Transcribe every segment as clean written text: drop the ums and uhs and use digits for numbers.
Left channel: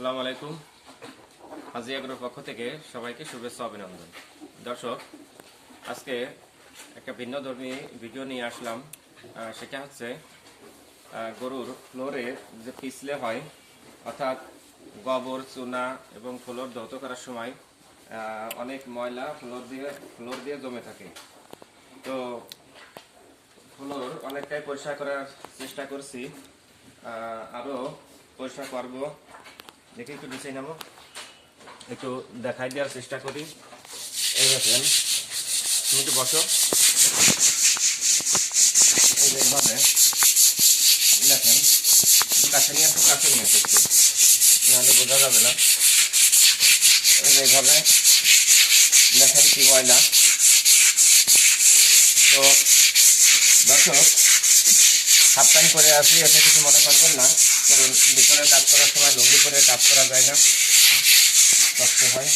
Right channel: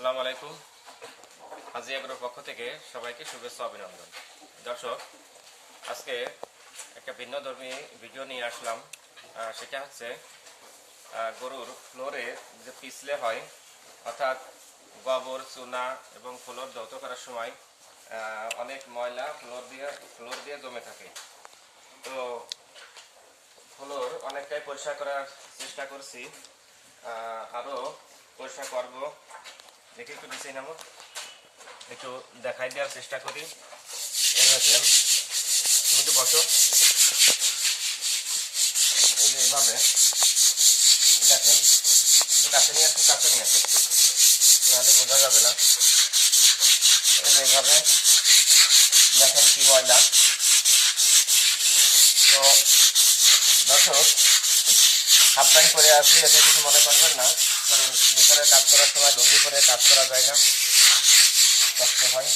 আসসালামু আলাইকুম। হাজি এগ্রোর পক্ষ থেকে সবাইকে শুভেচ্ছা অভিনন্দন। দর্শক, আজকে একটা ভিন্নধর্মী ভিডিও নিয়ে আসলাম। সেটা হচ্ছে গরুর ফ্লোরে যে পিছলে হয়, অর্থাৎ গোবর, চুনা এবং ফ্লোর ধৌত করার সময় অনেক ময়লা ফ্লোর দিয়ে জমে থাকে। তো ফ্লোর অনেকটাই পরিষ্কার করার চেষ্টা করছি, আরও পরিষ্কার করবো। দেখি একটু নিচে নামো, একটু দেখাই দেওয়ার চেষ্টা করি। এই দেখেন, তুমি তো বসো, এইভাবে দেখেন, কাছে নিয়ে আসো একটু, নাহলে বোঝা যাবে না। এইভাবে দেখেন কি ময়লা। তো দর্শক, হাফ প্যান্ট পরে আসি, এতে কিছু মনে করবেন না, কারণ ভিতরে কাজ করার সময় লুঙ্গি পরে কাজ করা যায় না, কষ্ট হয়।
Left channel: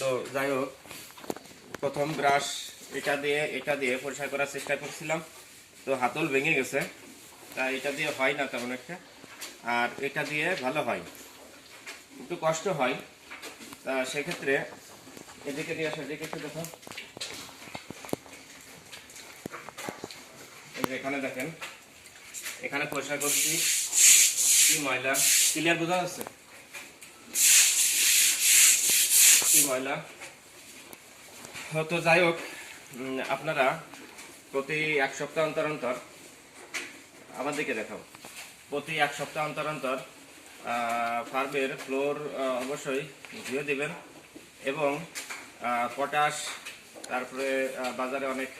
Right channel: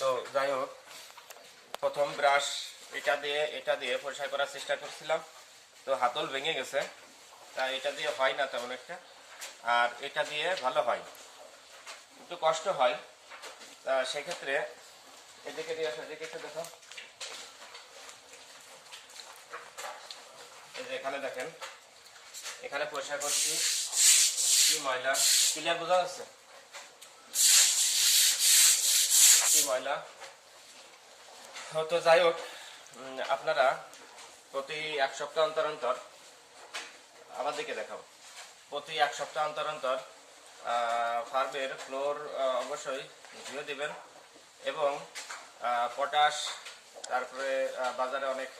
তো যাই হোক, প্রথম ব্রাশ এটা দিয়ে পরিষ্কার করার চেষ্টা করছিলাম, তো হাতল ভেঙে গেছে। তা এটা দিয়ে হয় না তেমন একটা, আর এটা দিয়ে ভালো হয়, একটু কষ্ট হয়। তা সেক্ষেত্রে এদিকে দিয়ে আসো, এদিকে একটু দেখো। এই যে এখানে দেখেন, এখানে পরিষ্কার করছি, কি ময়লা, ক্লিয়ার বোঝা যাচ্ছে কি ময়লা। তো যাই হোক, আপনারা প্রতি এক সপ্তাহ অন্তর অন্তর, আমার দিকে দেখাও, প্রতি এক সপ্তাহ অন্তর অন্তর ফার্মের ফ্লোর অবশ্যই ধুয়ে দিবেন। এবং পটাশ, তারপরে বাজারে অনেক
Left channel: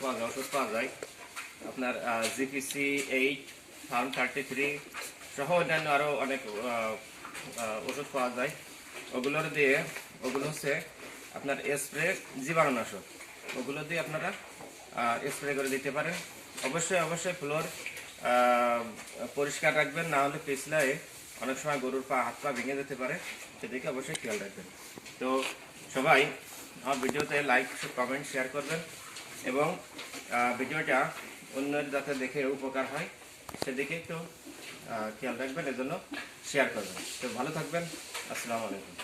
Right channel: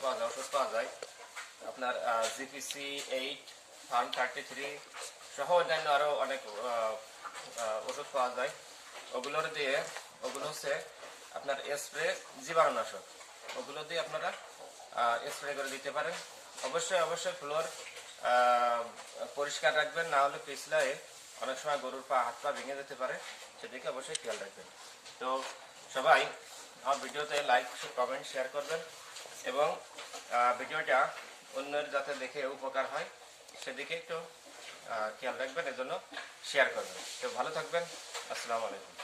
পাওয়া যায়, ওষুধ পাওয়া যায়, আপনার জিপিসি 8, ফার্ম 33 সহ অন্যান্য আরও অনেক ওষুধ পাওয়া যায়। ওগুলো হচ্ছে আপনার স্প্রে জীবাণুনাশক, ওগুলো দিয়ে আপনারা স্প্রে করে দিতে পারেন। অবশ্যই ফ্লোর পরিষ্কার রাখবেন, না হলে পিছলায় অনেক সময় গরুর হাত পা ভেঙে যেতে পারে, সেদিকে অবশ্যই খেয়াল রাখবেন। তো সবাই আমার ভিডিওতে লাইক, কমেন্ট, শেয়ার করবেন এবং ভিডিওটা অন্যের যাতে দেখে উপকার হয় সেদিকে একটু খেয়াল রাখবেন, এজন্য শেয়ার করবেন। তো ভালো থাকবেন। আসসালামু আলাইকুম।